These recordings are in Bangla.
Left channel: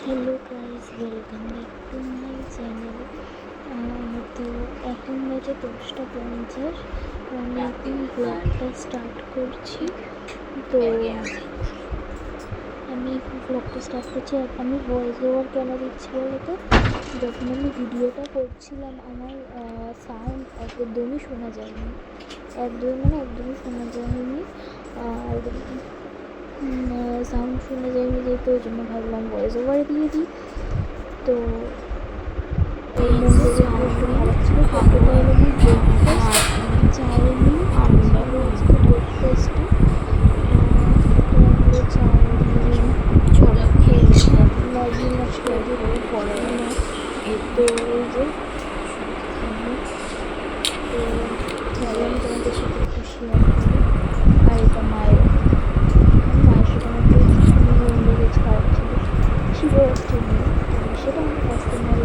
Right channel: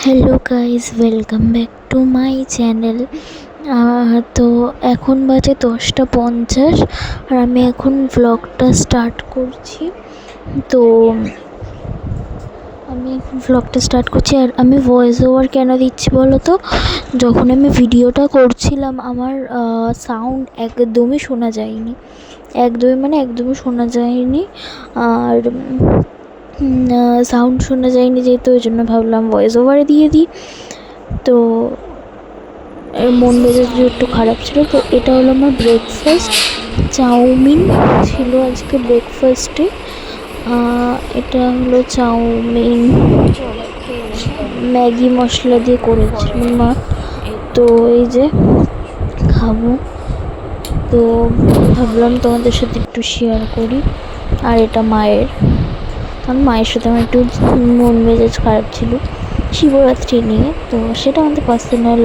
Hello guys welcome back to my channel তো এখন বাজে দশটা পঞ্চাশ আর আমি এখন ভ্লগটা স্টার্ট করছি। তো আমি ভ্লগটা স্টার্ট করছি আর আমি ভয়েস ওভার কেন দিচ্ছি বলো তো? যখন আমি ভিডিওটা করছিলাম, আমার সাউন্ড একদমই শোনা যায়নি। একদমই মানে একদমই শোনা যায়নি। আর সাউন্ড শোনা যায়নি যেহেতু, ওই জন্য ভাবলাম ভয়েস ওভারে দিয়ে দিই। তো মন মেজাজ একটু খারাপ ছিল, তো এটা হলো আমার ব্রেকফাস্ট চাউমিন ছিল আজকে ব্রেকফাস্টে এটা হলো চাউমিন ম্যাগি মশলা দিয়ে করেছিল মা তো এই যে খাব। তো ভাবলাম তোমাদের সাথে একটু শেয়ার করি। আর এটা মায়ের। কারণ মায়ের সাথে আমার একটু মন মেজাজ খারাপ ছিল শিবরাত্রি নিয়ে। তো সেটা আমাদের পার্সোনাল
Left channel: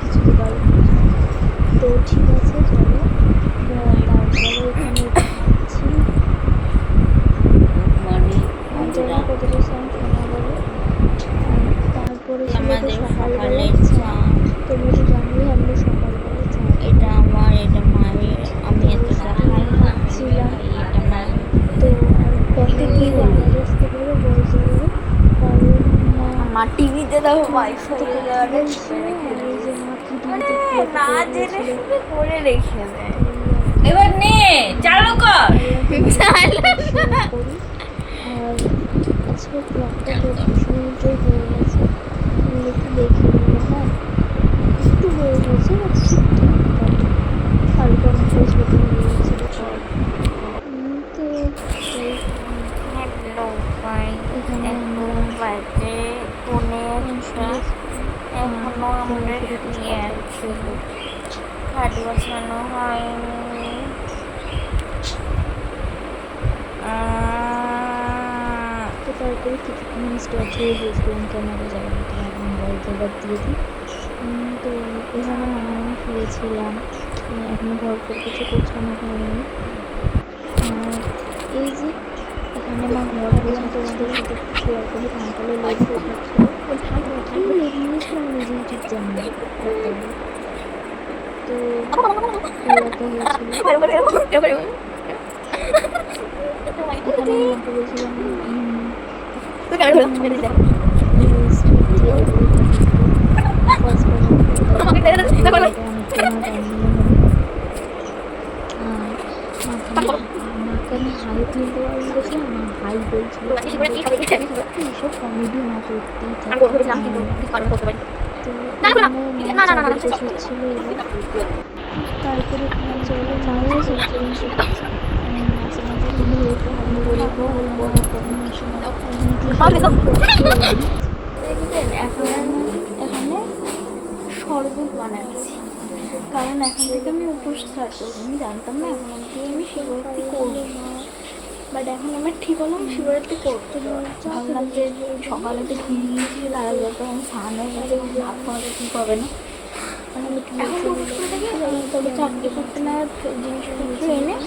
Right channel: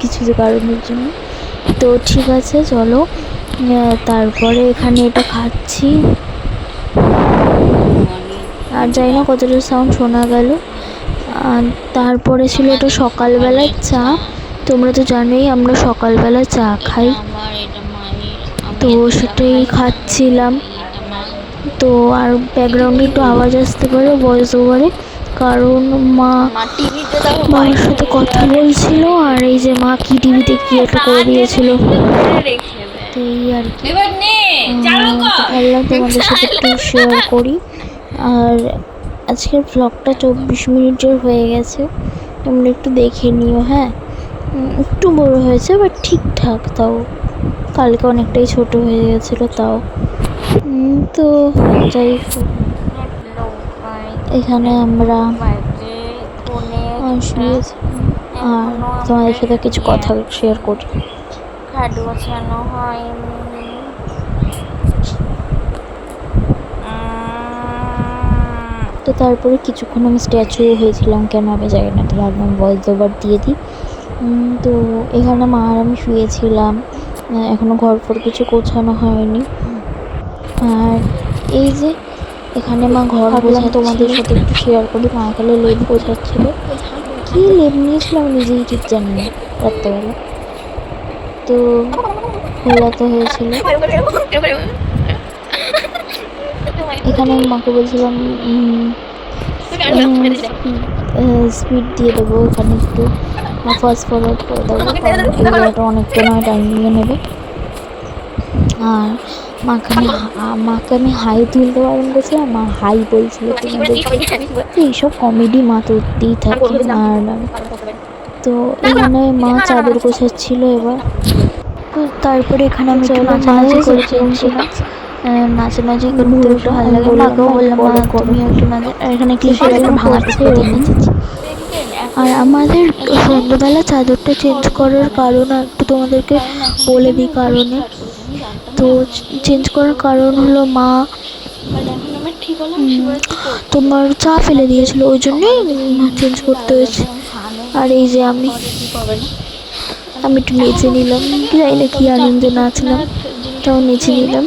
কিছু কারণের জন্য। তো ঠিক আছে, চলো। তারপরে এখানে এটা খাচ্ছি। জানি না কতটা সাউন্ড শোনা গেল। আর তারপরে ছিল এটা সকালবেলার চা। তোমরা তো জানোই আমরা সকালবেলা চা খাই। মায়ের তো সেটাই খাচ্ছিলাম। তো আর ব্যাকগ্রাউন্ডে একটু আওয়াজ আসতে পারে ভয়েস ওভারে কারণ মা মা টিভিতে দেখো মার সাথে কথা বলছিল আর এই যে মা কি টিভিতে কি একটা করে দিয়েছিল। তো এই আর কি। ভাবলাম তোমাদের সাথে শেয়ার করি। আর আজকের ব্লগটা চব্বিশ মিনিটের হয়ে গেছে। তোমরা একটু দেখে নিও হ্যাঁ? একটু বড় হয়েছে বাট ঠিকঠাক তাও। কালকে অনেকটাই ছোট হয়ে গেছিল তাও। তো যাই হোক, এখানে আমরা তোমাদের সাথে কিছু কথা শেয়ার করি খাট গোছানো তো তারপরে কিছুক্ষণ আমি স্ট্যাচু হয়েছিলাম কেন আমি জানি না তো ভাবলাম ভয়েস ওভার দিয়ে দিই। তো এখানে মা আর আমি শুয়েছিলাম। এখনও ঘর ফর কিছু গোছানো হয়নি। আর এই যে এখানে মা ঘর বললাম তোমাদের সাথে একটু শেয়ার করি মা এখানে লেপ গোছাচ্ছিল। কী লেপ নিয়েছিলাম নিজেই ঠিক জানি না রাত্রেবেলা। তো খোলাতে হয়েছিল। আমি মাকে বলছিলাম স্পিড দিয়ে দেবো ওখানে একটু ফার্স্ট ফরওয়ার্ড করে দেবো অনেকটা টাইম নিয়ে নেবে আর মাকে আমি মাকে আমি হাই তুলতে বারণ করছিলাম মা হাই বলছিল এইসব কমেডি মা তুলতেই থাকে আর তো এখানে মা চাদর গোছাচ্ছিল এবার তো তারপরে এখানে আমি নাচানাচি করছিলাম নাচে নাচে করতে একটু ভালো লাগে মাকেও বললাম মা তুমি একটু আর এখানে ক্লিপে আর আমাদের সন্ধ্যাবেলা চাদরটা চেঞ্জ করার কারণ একটু তোমাদেরকে বলে দিই কারণে। তো চেঞ্জ করার কারণ হলো মা তোমার চা ফেলে দিয়েছিল ওই জন্যই চেঞ্জ করতে হয়েছে। আর এই যে আমি আমি একটু নেচে নিলাম চাইলে কি আনন্দে নাচলাম তাও নেচে নিলাম।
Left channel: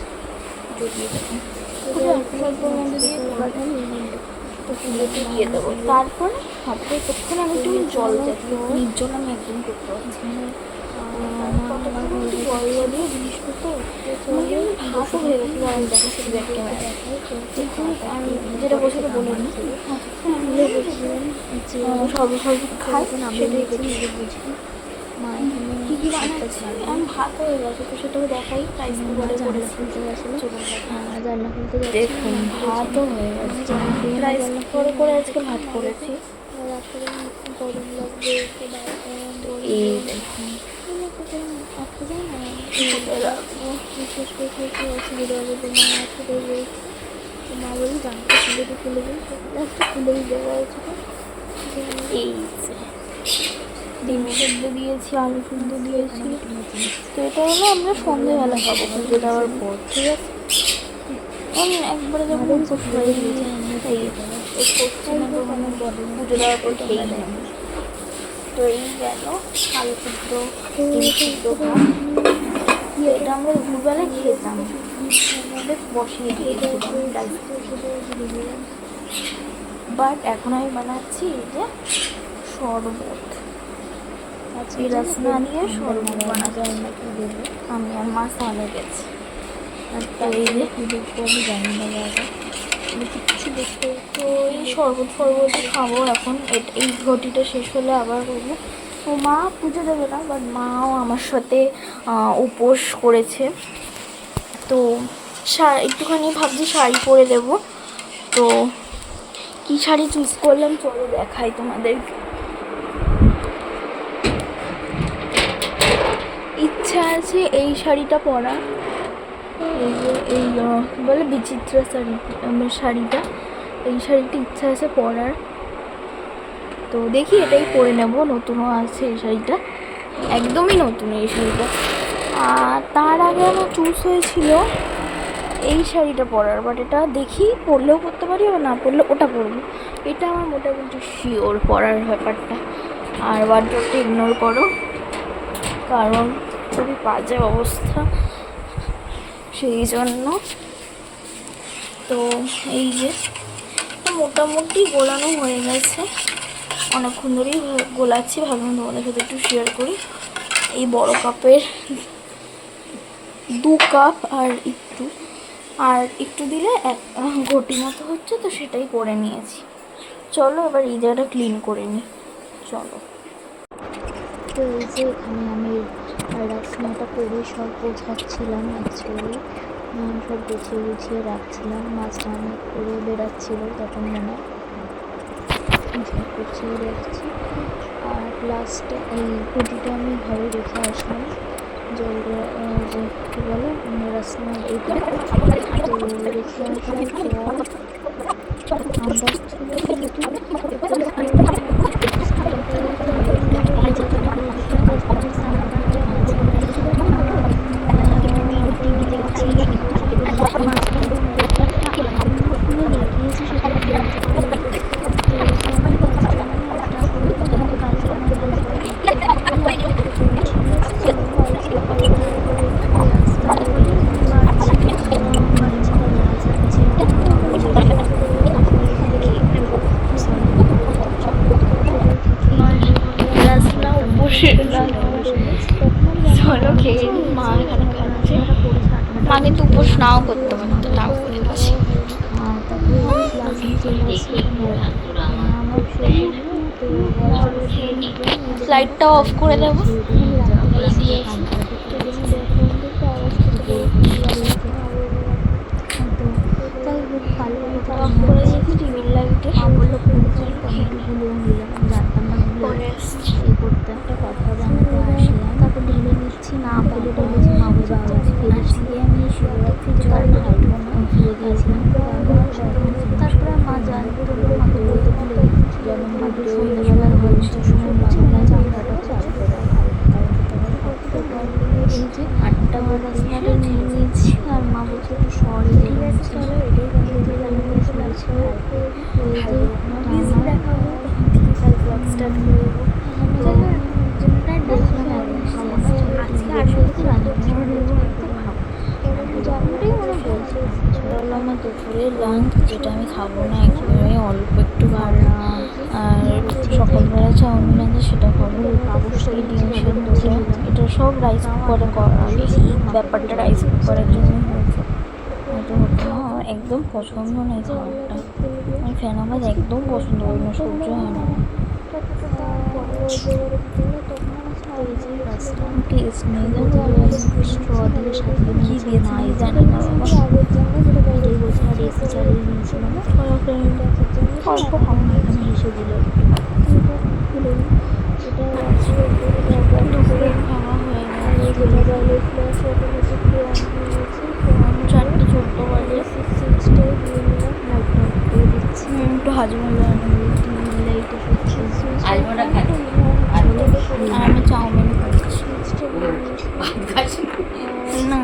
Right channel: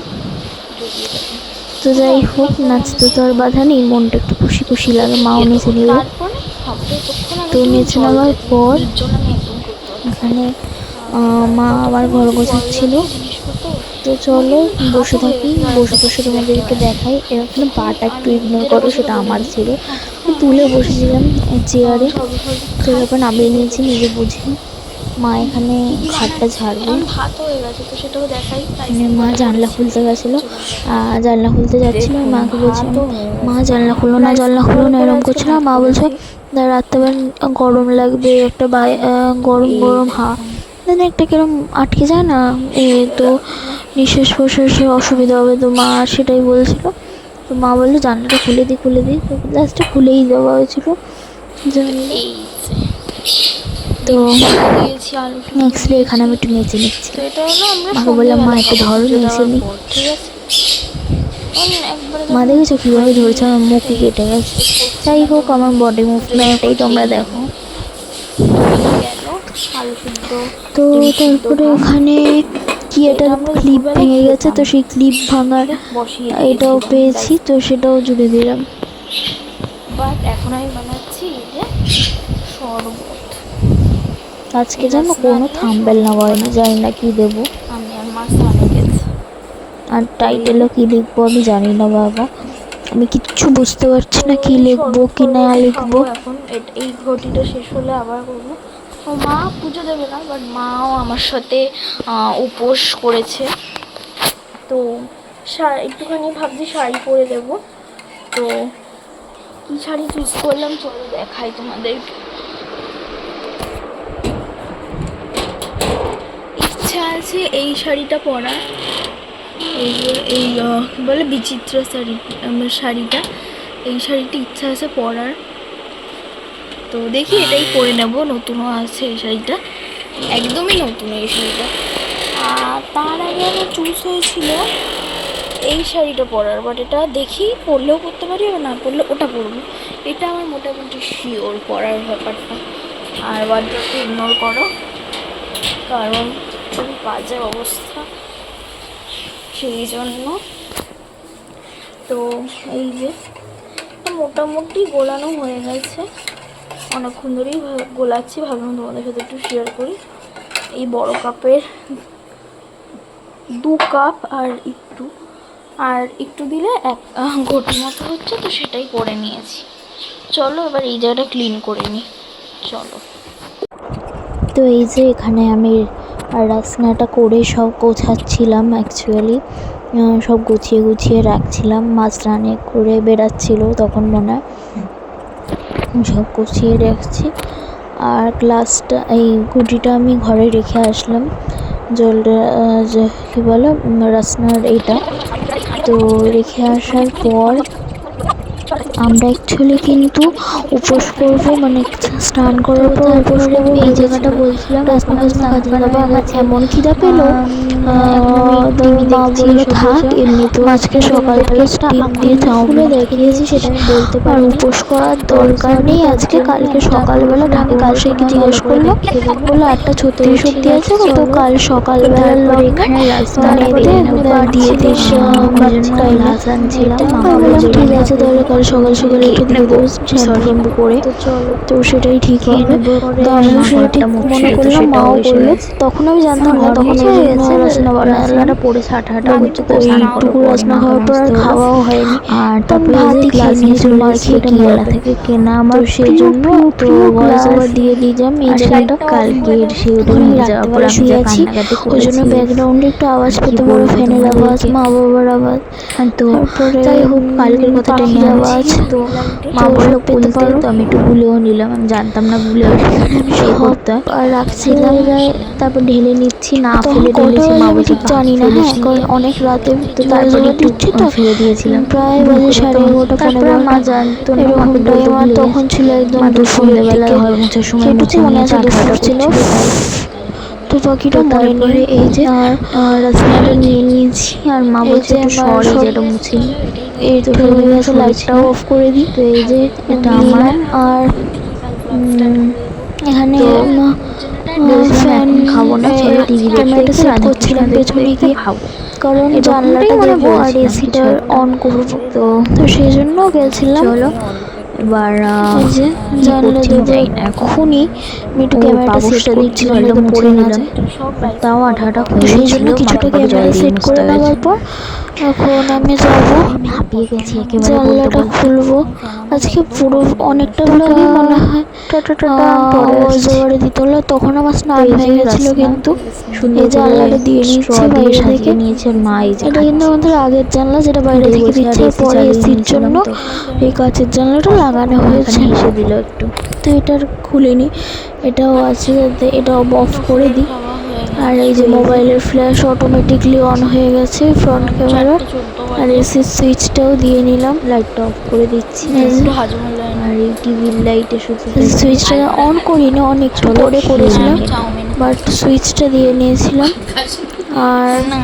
তো যাই হোক নাচতে তো আর বাধা নেই মনটা একটু খুশি খুশি লাগে মাও নেচে নিল তো জল নেওয়ার পর। এখানে মা আমার ঘর গোছাচ্ছিল তো চলো বসে থাকি বসে বসে তোমাদেরকে দেখাই এরকম পাটা একটু ইগনোর করো সেটা আমার ছিল। তুলে বসেছিলাম চেয়ারে। তো এবার নামিয়ে নিয়েছি। নিজে বুঝে। মা এখানে ঘরটা ঝাড়বে ভাত হয়ে গেছে তো সেটাও দেখাই। মানে মা জানলা খুলতে গেছিল। আর জানলা খুলতে যাচ্ছিল মাকে বলছিল মা জানলা খুলো না জানলা খুলো না এরকম করছিল আর মা বলছে "না, রাত্রেবেলা গরম লাগবে একটা গরম গরম হা। মানে একটা কিরম আটকে যায় না? এ তো নিঃশ্বাস প্রশ্বাসে অসুবিধা হবে তো মা সেটাই বলছিল। তো মা বলল জানলাটা খুলে দিই খুলে দিই লাস্টে খুলেই দেওয়া হয়েছিল। এই তো দিয়েছি আলু নেক্সট এখানে আমি একটু নেচে নিচ্ছি। তো এটা হলো আমরা বললাম, মা, একটু ধরো দেওয়ার পর, ঠিক আছে? মা দেখেছ কীভাবে ধরেছে? আমার মুখ কেটে গেছে। যাই হোক আমার বডি মুভটা করে তোমরা দেখো। তো তারপরে ওখানে কি এটা ক্লিপ ভেঙে গেছে তো সেই ক্লিপ ভাঙার এটাও পেয়েছি তো সেটাও জুড়ে দিলাম। বাট এখন আমি বানাচ্ছি যে শরবত। আজকে যেন কোনো থাম্বেল না করে না জানি না কি দেবো। আমি আর মা স্নানে গেছি। আর টাইটেলে কি লিখব আমি জানি না বাবা। আমি কিচ্ছু বুঝতে পারছি না কি লিখব কি না লিখব। এখন। এই ঘটিটা শেষ হলে আবার করব। ও মা পুজো দেবে না বাট মাও আমার সাথে উপোস করেছে। তো একটুখানি ভাবছি শাড়ি পরে দেব। তো কি শাড়ি চুজ করলাম চলো দেখাই তোমাদেরকে ইচ্ছা আছে এই শাড়িটা পরার এই এই বলে, বিচিত্র শাড়ি আমার শাড়িটা। এই শাড়িটা ইচ্ছা আছে পরার। তো দেখি এটাই পরে নেব, নতুনও আছে এই শাড়িটা। একদমই নতুন এই শাড়িটা। আর তার আগে আমার চুজ হয়েছিল এই শাড়িটা পরার বাট এটা দেখি পরলেও পরতে পারি আর না পরলে ওটা পরবো। এটা আমার মোটামুটি শিওর পরার ব্যাপারটা। আর বাদবাকি ইগনোর করো। কারণ খুবই বাজে অবস্থা। সেই জন্য তো এই যে মোটামুটি গোলানো হয়ে গেছে। অনেকক্ষণ ধরেই গোলাচ্ছি, ভাবলাম তোমাদের সাথে একটু শেয়ার করি। এই বড় কাপের দু কাপ আর একটু। আর একটু দিলে এক ঘটি মতো হচ্ছে, তো সেটাই করে নিয়েছি। চলো এবার এই জায়গাটা ক্লিন করে নিই। চলো। তো এই যে এখানে আমি রাসনাটা করে সব গোছাচ্ছিলাম অ্যাকচুয়ালি সব গুছিয়ে গুছিয়ে রাখছিলাম মাছ রানে করে বেড়াচ্ছিল তখন মনে হয়। সব গুছিয়ে রাখছি। আর গ্লাসটা এই গুটিটা আমি ঘরে রেখে আসলাম। জলটা কী বলে রাসনার এইটা। তো রেখে আসার পর আমরা অ্যাকচুয়ালি কিন্তু উপোস করব মানে স্নান করার পর উপোস করব, এই জায়গাটা বলছিলাম। আমার এমন খিদা পেল টিভি থাক এমনিতেও আজকে সকাল থেকে স্টিম দিয়ে চাউমিন দেখিয়েছি সেটা বলতে পারি উপোস করার দরকার নেই। আজকে কালকে সকালবেলা ঢাকা কাল জিজ্ঞেস করল? বলল আটটা ছত্রিশ অব্দি আছে তো কাল সকালবেলা দিয়ে দিস ছিল ঠিক আছে তাহলে কাল সকাল সকাল একটু দিয়ে করে? তো সেটাই ঠিক হবে। তো আমরা শুনে ঠিক মনে করলাম মাও বলল তখন আমি জানতাম না তখন হয়ে পড়ে হাঁটা তো পর আর খাওয়াও হয়নি। আর তারপরে মেলা থেকে। কেনা আমার সেই জন্য তো ভয়েস ওভার দিয়ে দিলাম এই জায়গাটা লাইটটা অফ করে নিয়ে যাওয়ার পর আমি ওই জন্য ব্যাকগ্রাউন্ডে একটু আওয়াজ পেতে পারো ফ্যানের আওয়াজ মা বাবার আওয়াজ। তো যাই হোক কালকের কথাটা নিয়ে আওয়াজ তো। মা বলল পেতে পারো? তো আমি একটু গুলেও নিলাম আমি জানতাম না গুলে সেই করতে। আর রাখছিলাম তারপর ঢেলে নিচ্ছি না ফেলে ঢেলেছি মা বলছে জানি না হ্যাঁ কারণ অনেক রাতে তারপরে দিচ্ছি তো ফেলে দিয়েছিলাম। প্রায় বাজে সাড়ে এগারোটা পনেরো মা জানতো না এরকম টাইম আর তখন ছিল একদম দুপুরবেলা ঘর মোছার সময় মুছে মনে আছে দুপুর ছিল। তো পাখিটা মনে নেই এই যে আর রাসনাটা নিয়ে নিয়েছি আর মা বলছে একটু এই যেটা মুছি এই তো হয়ে গেছে লাইটটাও অফ করে দিই। তো এই যে এটা আমার আর এখানে ফ্যান খাব না চলো টিভি দেখতে সেট পেছনে গিয়ে খাব। কারণ জানলাটা দেবো আর এসিটা অন করব। তো তো। সেই জন্য গেছিলাম। এবার এই যে জানলা দেবো এখনই একটু ক্যামেরাটা সেট করছিলাম যাতে পড়ে না তাও আঠাটা সেই জন্য কিছুটা ক্যামেরা সেট করে নেওয়ার পর এখন আমি যাব। জানলাটা খুলবো। আজকে পুরো অনেকটা ব্লগই মনে হয় দিতে হলো। তখন আমার স্নান হয়ে গেছিল কিন্তু। এই জানলাটা দিয়ে নিচ্ছে বাইরে থেকে। এটা কিন্তু আমাদের আগের জানলা যেটা বাইরে থেকে দিচ্ছে পরে এসির জন্য এই কাঁচের জানলাটা লাগানো হয়েছে। এসে দিল একটু। তো এটার খুলিনি। এটাও আছে এটাও অফ করে দিই। আর এই যে মোবাইলের ফ্ল্যাশ অটোমেটিকলি অন হয়ে গেছে ফ্রন্ট ক্যামেরা আর এসির সুইচটাও দিয়ে নিলাম লাইটটা অফ করে দিচ্ছি। একটু হাজমোলা আর এই টিভির লাইটে সুইচটা অন করিনি অনেক পরে করেছিলাম বাট সুইচটা দিয়ে নিয়েছিলাম। আর না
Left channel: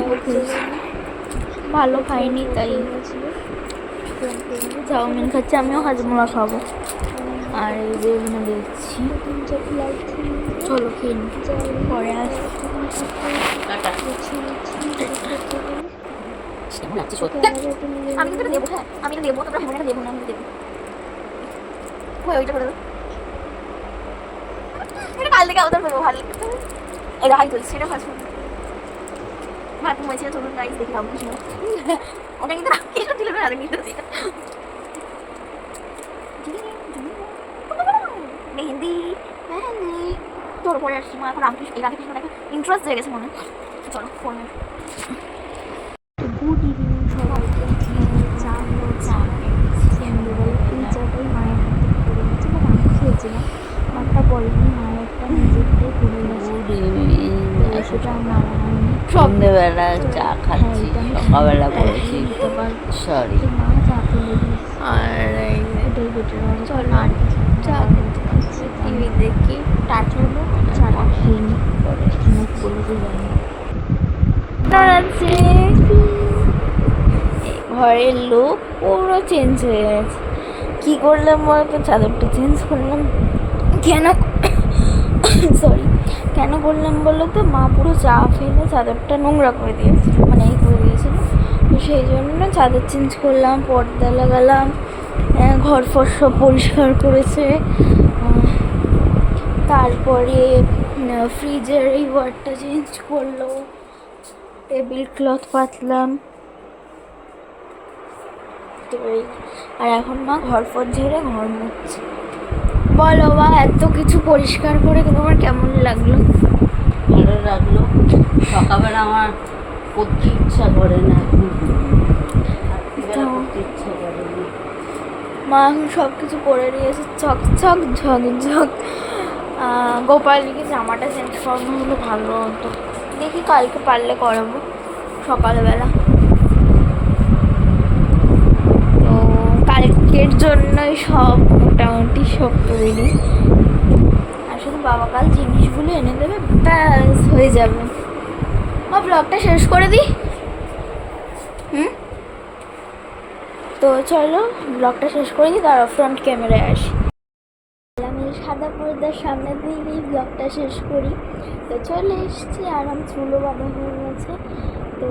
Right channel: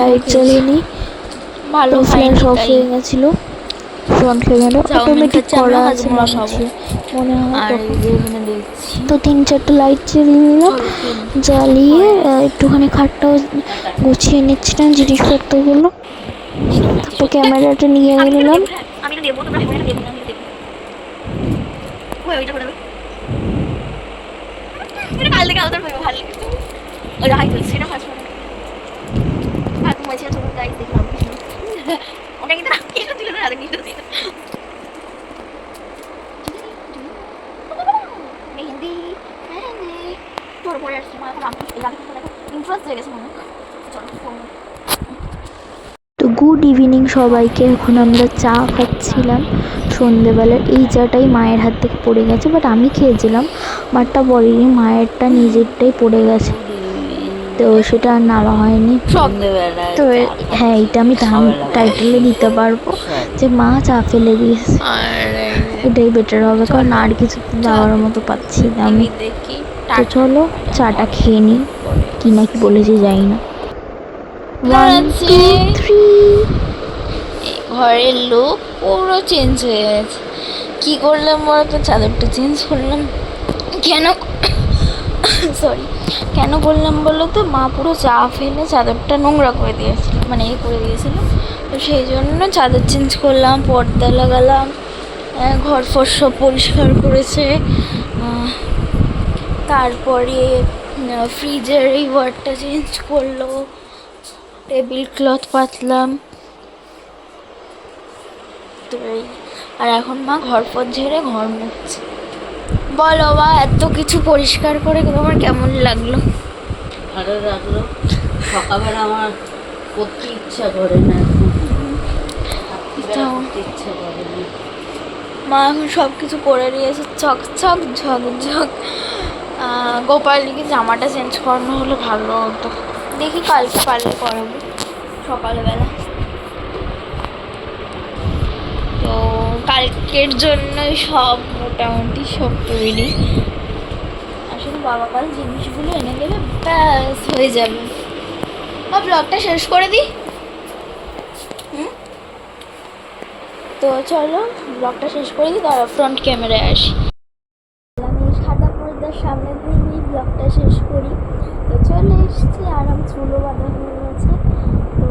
লাইট জ্বলেনি। ভালো ফ্ল্যাশ খাইনি অফ হয়ে গেছিল। চাউমিন খাচ্ছি, আমিও হাজমোলা খাব। আর তো। দেখছি তিন চারটে লাইট জ্বালিয়ে নিলাম। জ্বালিয়ে একটুখানি খাটটাও গুছিয়ে নিচ্ছিলাম জিনিসপত্রগুলো তো ক্যামেরাটা নিয়ে হ্যাঁ, আমি দেবো তোমরা না আমি দেবো ওই ওইটা করে এটা কাল থেকে আলাদা ভালো লাগে ওই হাই তুলছে সেটা ফার্স্ট ভাত মজা তোমার গাইস দেখলাম ওটা কিন্তু না মেহেন্দি হ্যাঁ তোর পরে আসছি মা এখন আমি এই গানে কিন্তু দেখো ইন্টারেস্ট হয়ে গেছে মনে চলো ফোন তো গুড ইভিনিং সবাইকে এখন আমরা চা খাচ্ছিলাম সন্ধেবেলার। এই চাটাই মায়ের হাত থেকে পড়ে গেছে বাট আমি খেয়েছিলাম। বাটটা বলেনি মায়েরটা নিজেরটাই পড়ে গেছে। তো সেটা আর নামা হয়নি। তো হ্যাঁ এটা আমি টাইটেলে দিতে পারব। যে মা চা ফেলে আর। এটাই বেটার হবে কারণ আর কিছু দেওয়ার মতো পাচ্ছি না আমি। দেখি তো চলো চাটা খেয়ে নিই কি না কি বলেছে যাই না। ঘরের লোক পুরো চেঞ্জ হয়ে গেছে। কি করলাম বলো তো চাদরটা চেঞ্জ করলাম। কেন? সরি কেন বললাম বলো তো? মা পুরো চা ফেলে চাদরটা নোংরা করে দিয়েছিল মানে এই করে দিয়েছিল। তো সেই জন্য চাদর চেঞ্জ করলাম, পর্দা লাগালাম ঘর ফর সব পরিষ্কার করেছে। তারপরে ফ্রিজের এই ওয়ারটা চেঞ্জ করল টেবিল ক্লথ পাতলাম। তো এই, আর এখন মা ঘর ফর ঝেড়ে ঘর মুছছে। বলো বা এত কিছু পরিষ্কার করে তোমার কেমন লাগল? ভালো লাগল। সকালবেলা আমার করতে ইচ্ছা করে না। ইচ্ছা করে না। মা এখন সব কিছু করে দিয়েছে চকচক ঝকঝক আহ, গোপালীকে জামাটা চেঞ্জ করানো হলে ভালো হতো। দেখি কালকে পারলে করাবো সকালবেলা তো কালকের জন্যই সব মোটামুটি সব তৈরি। আসলে বাবা কাল জিনিসগুলো এনে দেবে, ব্যাস, হয়ে যাবে। বা ব্লগটা শেষ করে দিই। হুম? তো চলো ব্লগটা শেষ করে দিই তার ফ্রন্ট ক্যামেরায় আসি। আমি সাদা পর্দার সামনে দিয়েই ব্লগটা শেষ করি। তো চলে এসেছি, আরাম চুলো বাঁধা হয়ে গেছে। তো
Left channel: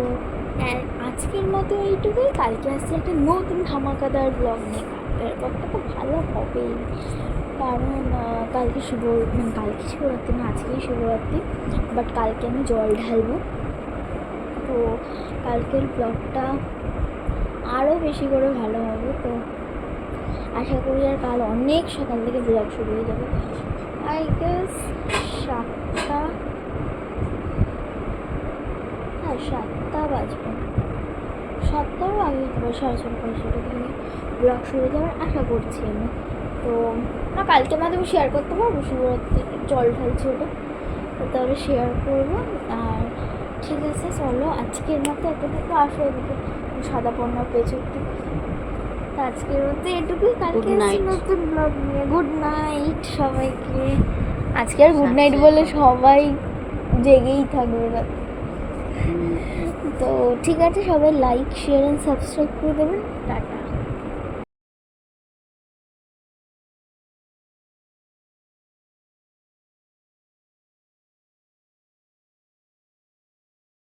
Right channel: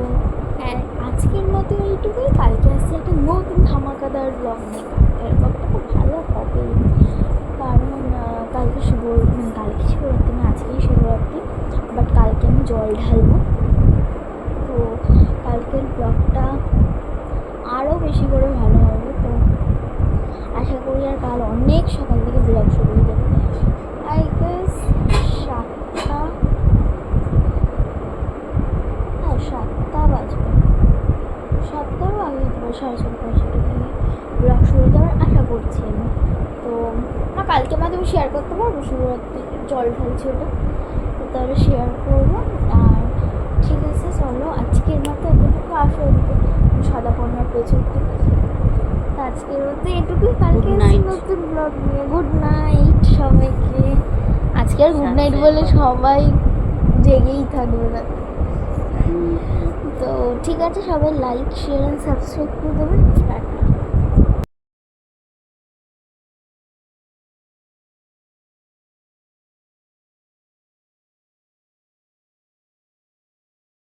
আর আজকের মতো এইটুকুই। কালকে আসছে একটা নতুন ধামাকাদার ব্লগ নিয়ে। কালকের ব্লগটা খুব ভালো হবেই কারণ কালকে শিব মানে কালকে শিবরাত্রি না, আজকেই শিবরাত্রি। বাট কালকে আমি জল ঢালবো। তো, কালকের ব্লগটা আরও বেশি করে ভালো হবে। তো, আশা করি আর কাল অনেক সকাল থেকে ব্লগ শুরু হয়ে ছটা পাঁচ ছটা থেকে ব্লগ শুরু হয়ে আশা করছি আমি। তো না কালকে মাধ্যমে শেয়ার করতে পারব শিবরাত্রি জল ঢালছি ওটা তো তাহলে শেয়ার করব। আর ঠিক আছে চলো আজকের মতো এতটুকু। আসো এদিকে সাদা পণ্যর পেছন থেকে তো আজকের মতো এটুকুই। কালকে নতুন ব্লগ নিয়ে। গুড নাইট সবাইকে। আজকে আর গুড নাইট বলে সবাই জেগেই থাকবে রাতে হুম। তো ঠিক আছে সবাই লাইক শেয়ার অ্যান্ড সাবস্ক্রাইব করে দেবেন। টাটা।